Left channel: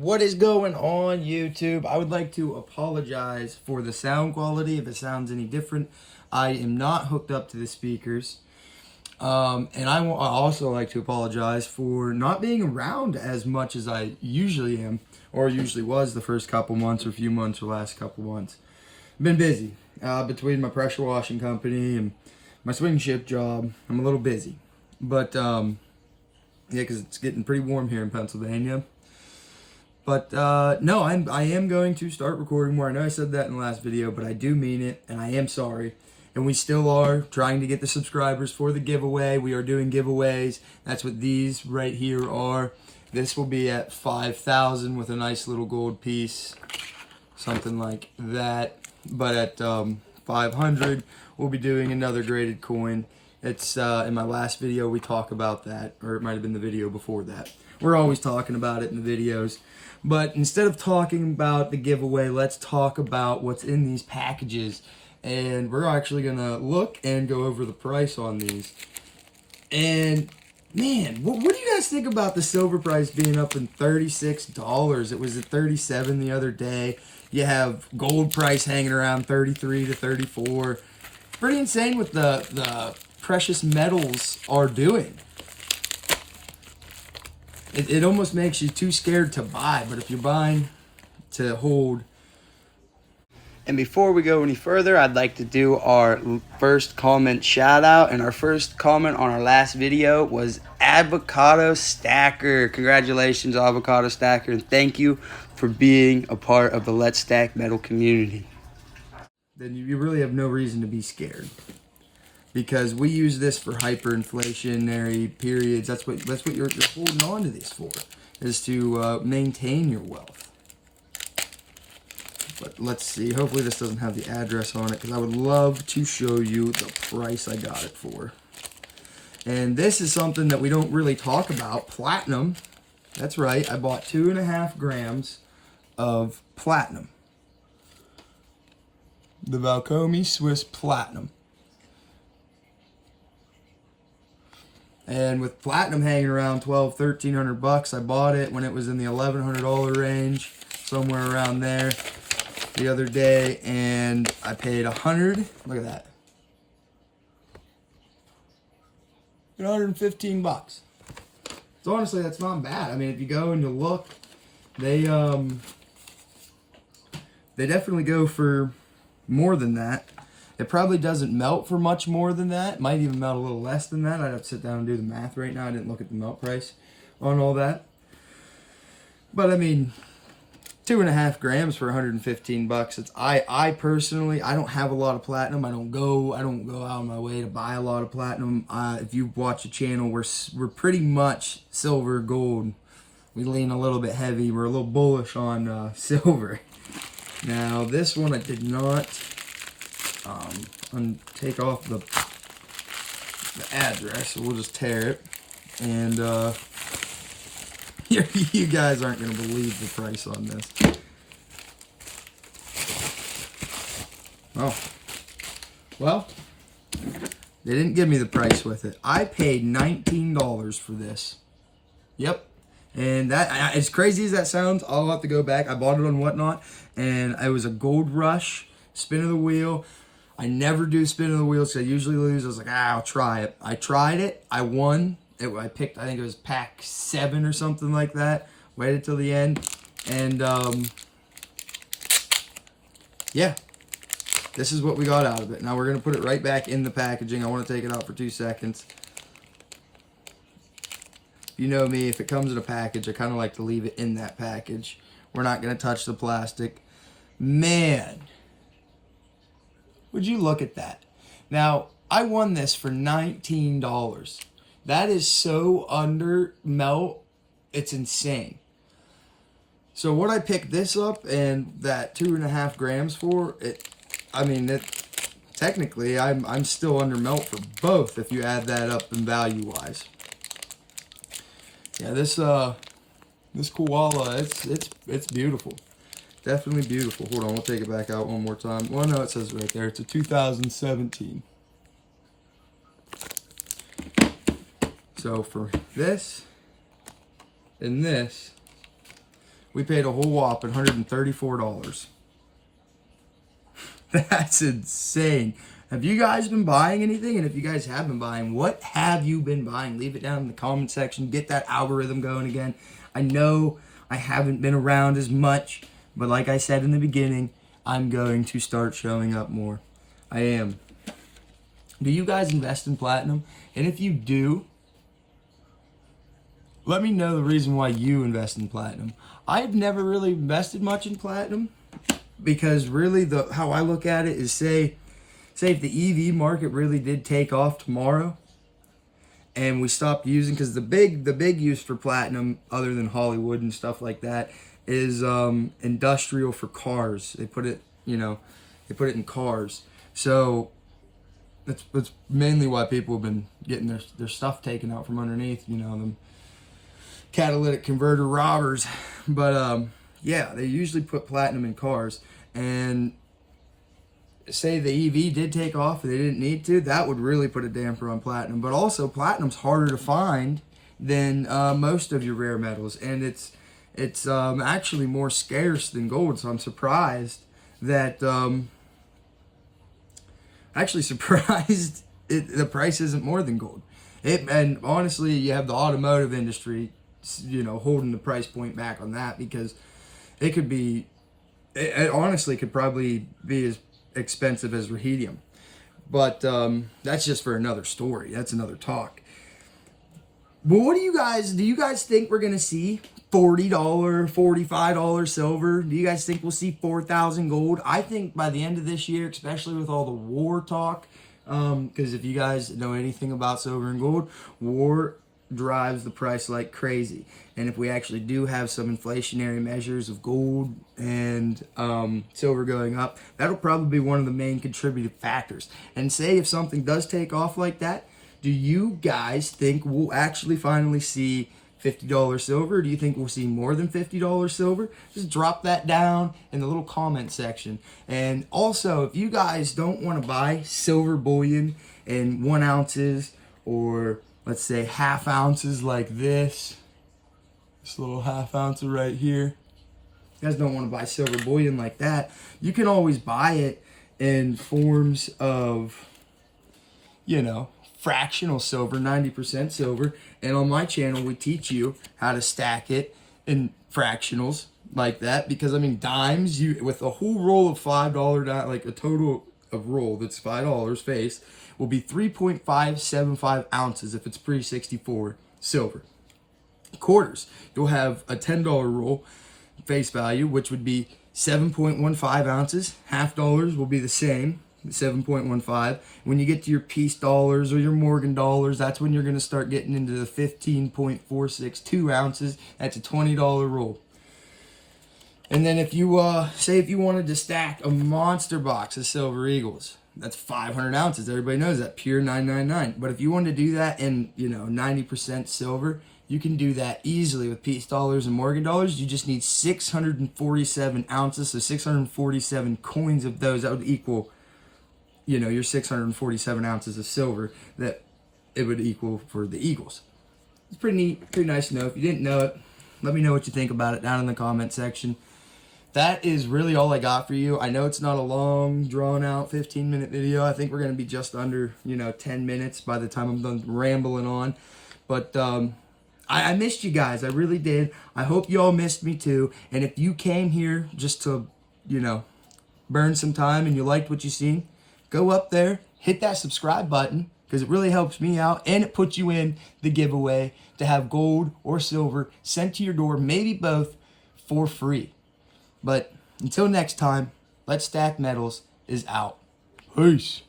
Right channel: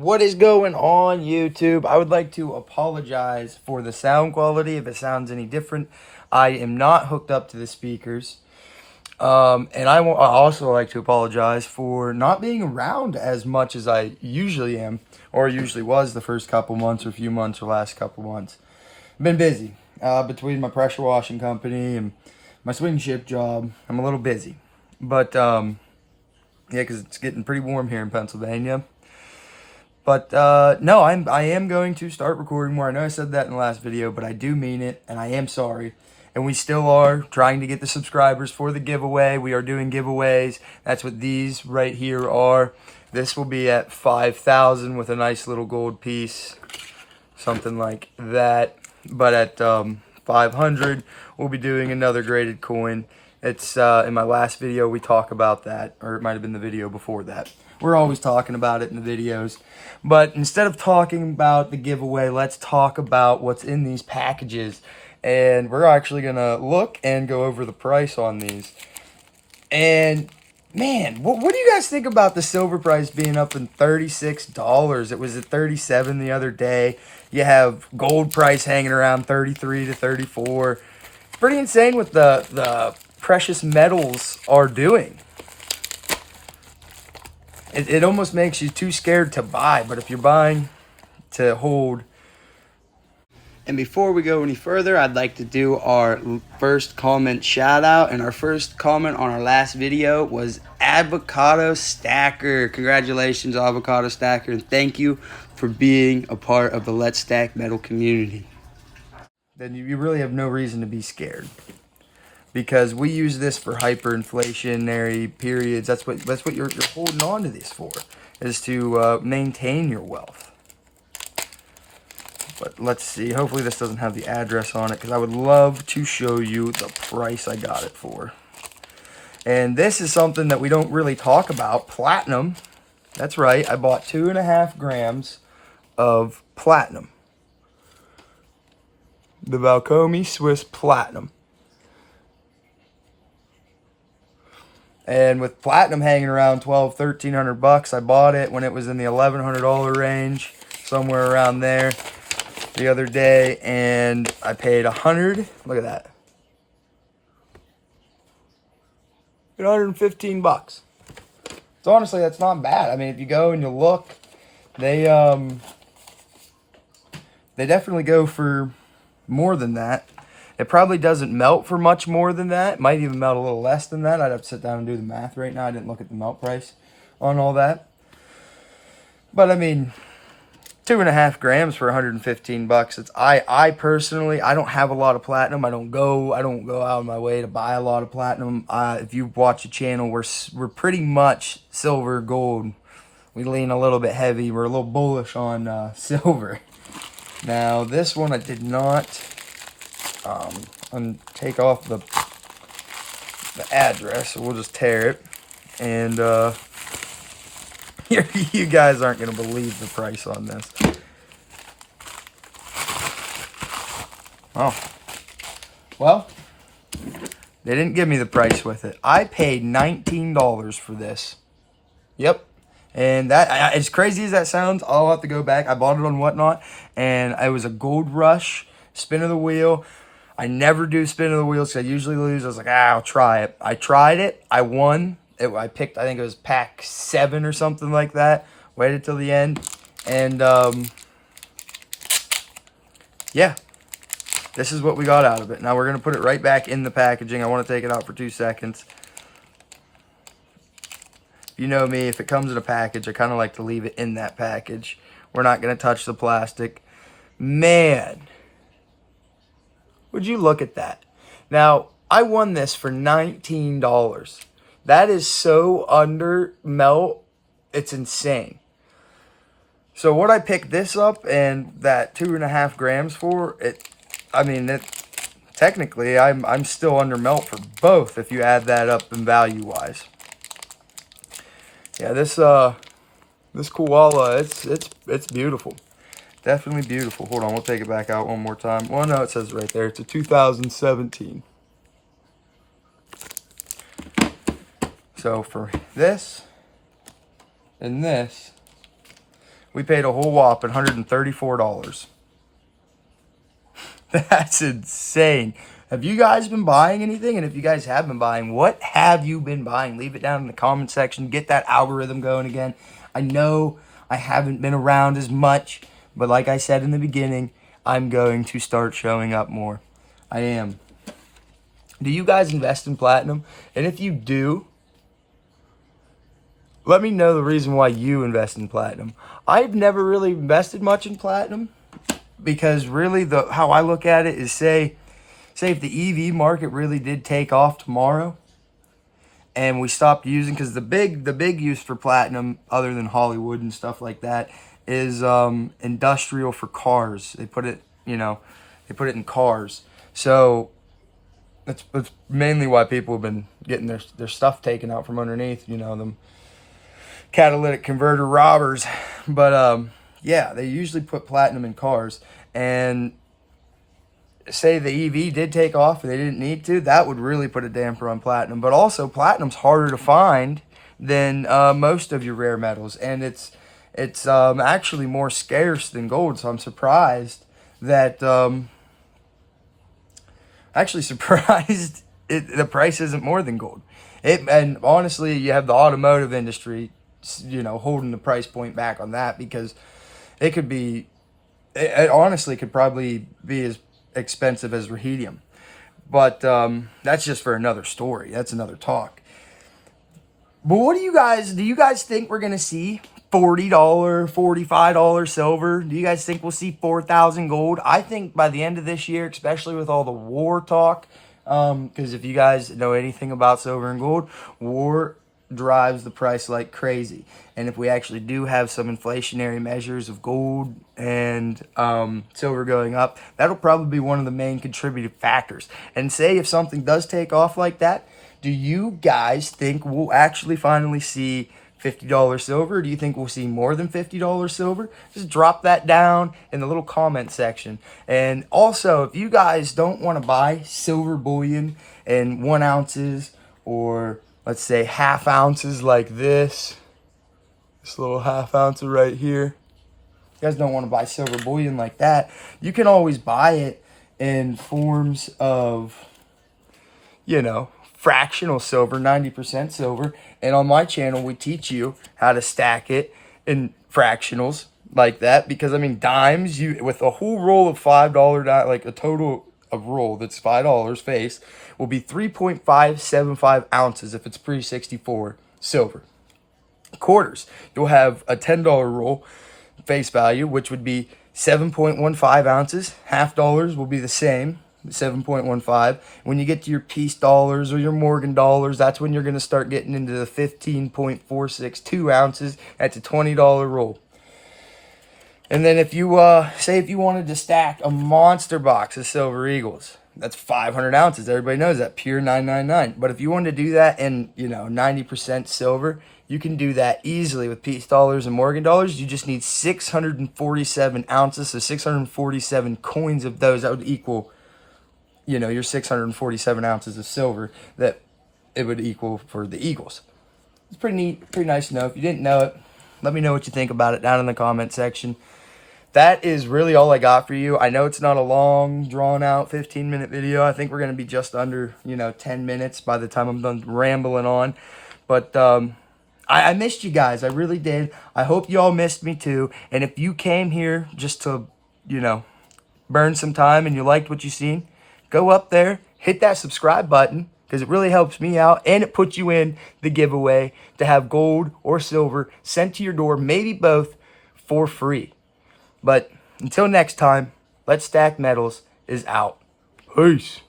What is going on, YouTube? I would like to apologize for the sound quality if it sounds any different. I am not hooked up to the speakers. And I also like to apologize for not being around as much as I usually am, or usually was the first couple months or few months or last couple months. I've been busy between my pressure washing company and my swing shift job. I'm a little busy. But, yeah, because it's getting pretty warm here in Pennsylvania. But no, I am going to start recording more. I know I said that in the last video, but I do mean it, and I am sorry. And we still are trying to get the subscribers for the giveaway. We are doing giveaways. That's what these right here are. This will be at 5,000 with a nice little gold piece, something like that. But at 500, we'll be doing another graded coin. It's in my last video we talk about that, or it might have been the video before that. We're always talking about it in the videos. But instead of talking about the giveaway, let's talk about what's in these packages. And we're actually going to look and go over the price on these. And, man, what do you guys think about the silver price being up in $36? It was at $37 the other day. You have gold price hanging around $33 to $34. Pretty insane what the precious metals are doing. It almost makes you too scared to buy, but if you're buying to hold. And before we go any further, I'd like to do our first comment shout out. And our first comment on our last video was Avocado Stacker. Congratulations, Avocado Stacker, and thank you for being a part of the Let's Stack Metal community. Then you really have no reason to be scared, because we use this for hyperinflationary periods. That's what you're holding on to this for, is to maintain your wealth. But let's see. Hopefully this doesn't have the address on it, because I would love to show you the price I got it for. And this is something that we don't really talk about. Platinum. That's right. I bought 2.5 grams of platinum. The Valcomi Swiss Platinum. And with platinum hanging around $1,200-1,300, I bought it when it was in the $1,100 range, somewhere around there, the other day, and I paid $100. Look at that, $115. So honestly, that's not bad. I mean, if you go and you look, they definitely go for more than that. It probably doesn't melt for much more than that. It might even melt a little less than that. I'd have to sit down and do the math right now. I didn't look at the melt price on all that. But I mean, 2.5 grams for $115. It's I personally, I don't have a lot of platinum. I don't go out of my way to buy a lot of platinum. If you watch the channel, we're pretty much silver, gold. We lean a little bit heavy. We're a little bullish on silver. Now this one I did not take off the address, so we'll just tear it, and you guys aren't going to believe the price on this. Oh, well, they didn't give me the price with it. I paid $19 for this. Yep. And that, as crazy as that sounds, I'll have to go back. I bought it on Whatnot, and it was a Gold Rush spin of the wheel. I never do spin of the wheels because I usually lose. I was like, I'll try it. I tried it. I won. I picked, I think it was pack 7 or something like that. Waited till the end. And, yeah. This is what we got out of it. Now we're going to put it right back in the packaging. I want to take it out for 2 seconds. You know me, if it comes in a package, I kind of like to leave it in that package. We're not going to touch the plastic. Man. Would you look at that? Now, I won this for $19. That is so under melt, it's insane. So what I picked this up and that 2.5 grams for, technically I'm still under melt for both if you add that up in value wise. Yeah, this koala, it's beautiful. Definitely beautiful. Hold on, we'll take it back out one more time. Well, no, it says right there. It's a 2017. So for this and this, We paid a whole whopping $134. That's insane. Have you guys been buying anything? And if you guys have been buying, what have you been buying? Leave it down in the comment section. Get that algorithm going again. I know I haven't been around as much, but like I said in the beginning, I'm going to start showing up more. I am. Do you guys invest in platinum? And if you do, let me know the reason why you invest in platinum. I've never really invested much in platinum because really how I look at it is say if the EV market really did take off tomorrow and we stopped using, because the big use for platinum other than Hollywood and stuff like that is industrial for cars. They put it, they put it in cars. So that's mainly why people have been getting their stuff taken out from underneath, them catalytic converter robbers. But yeah, they usually put platinum in cars. And say the EV did take off and they didn't need to, that would really put a damper on platinum. But also, platinum's harder to find than most of your rare metals, and it's actually more scarce than gold. So I'm surprised that the price isn't more than gold. And honestly, you have the automotive industry, holding the price point back on that, because it honestly could probably be as expensive as ruhedium. But that's just for another story. That's another talk. But do you guys think we're going to see $40, $45 silver? Do you guys think we'll see 4,000 gold? I think by the end of this year, especially with all the war talk, because if you guys know anything about silver and gold, war drives the price like crazy. And if we actually do have some inflationary measures of gold and silver going up, that'll probably be one of the main contributing factors. And say if something does take off like that, do you guys think we'll actually finally see $50 silver? Or do you think we'll see more than $50 silver? Just drop that down in the little comment section. And also, if you guys don't want to buy silver bullion in 1 ounces, or let's say half ounces like this little half ounce right here, you guys don't want to buy silver bullion like that, you can always buy it in forms of, fractional silver, 90% silver. And on my channel, we teach you how to stack it in fractionals like that. Because, dimes, with a whole roll of $5, like a total of roll that's $5 face, will be 3.575 ounces if it's pre-64 silver. Quarters, you'll have a $10 roll face value, which would be 7.15 ounces. Half dollars will be the same, 7.15. When you get to your piece dollars or your Morgan dollars, that's when you're going to start getting into the 15.462 ounces. That's a $20 roll. And then if you say if you wanted to stack a monster box of Silver Eagles, that's 500 ounces. Everybody knows that, pure 999. But if you wanted to do that in 90% silver, you can do that easily with piece dollars and Morgan dollars. You just need 647 ounces, so 647 coins of those. That would equal, your 647 ounces of silver that it would equal for the Eagles. It's pretty neat, pretty nice to know. If you didn't know it, let me know what you think about it down in the comment section. That is really all I got for you. I know it's not a long, drawn-out 15-minute video. I think we're going to be just under, 10 minutes by the time I'm done rambling on. But I missed you guys. I really did. I hope you all missed me too. And if you came here just to, burn some time and you liked what you seen, go up there, hit that subscribe button, because it really helps me out, and it puts you in the giveaway to have gold or silver sent to your door, maybe both, for free. But until next time, Let's Stack Metals is out. Peace.